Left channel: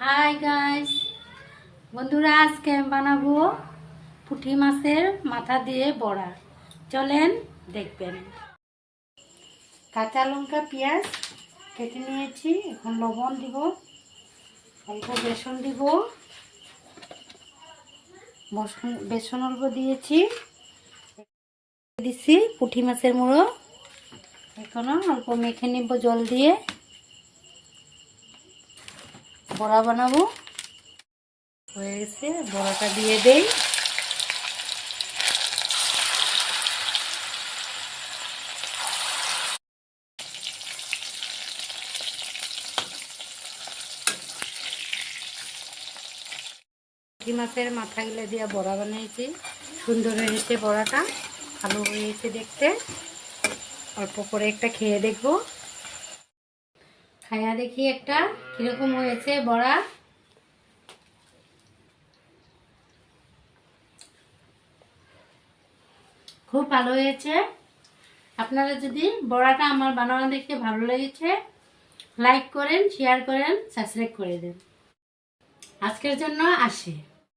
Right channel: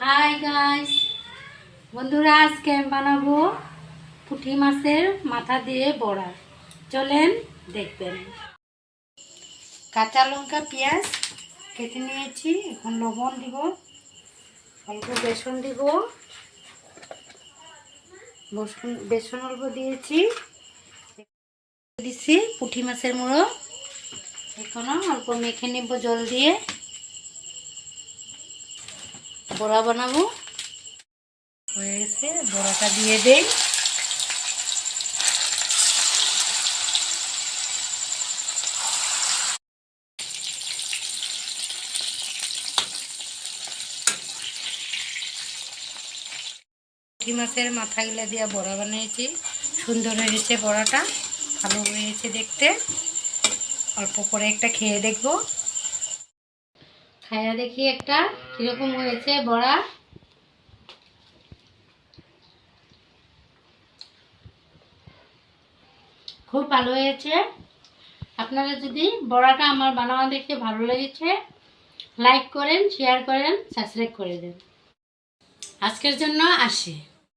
Hi guys, বন্ধুরা আজকে আমি বানাবো পুঁটি মাছের মাথা দিয়ে বড়া। চলেন দেখবেন। কাঁচা লঙ্কা পেঁয়াজ কেটে নিয়েছি। এখন লবণ দিব, অল্প বেসন দিব, বেসন অল্প দিয়েছি, দিচ্ছি পুঁটি মাছের মুড়ো। এখনো অল্প মেখে নিব জল দিয়ে। বড়া বানাবো, হয়ে গেছে। বড়াটা দিয়ে দেই। পুঁটি মাছের মাথাগুলো দিয়ে বড়া বানিয়েছি। সুন্দর হয়েছে বড়াটা, ভালো হয়েছে দেখতে। অল্প করে একটা খেয়ে দেখবো। খায়া দেখি একটা কিরকম হয়েছে বড়া। খুব ভালো হয়েছে। আপনারা যদি বড়াটা আমার বানানো দেখে ভালো লেগেছে, লাইক করেন, শেয়ার করেন, সাবস্ক্রাইব করে দেন। আজকের জন্য আসি।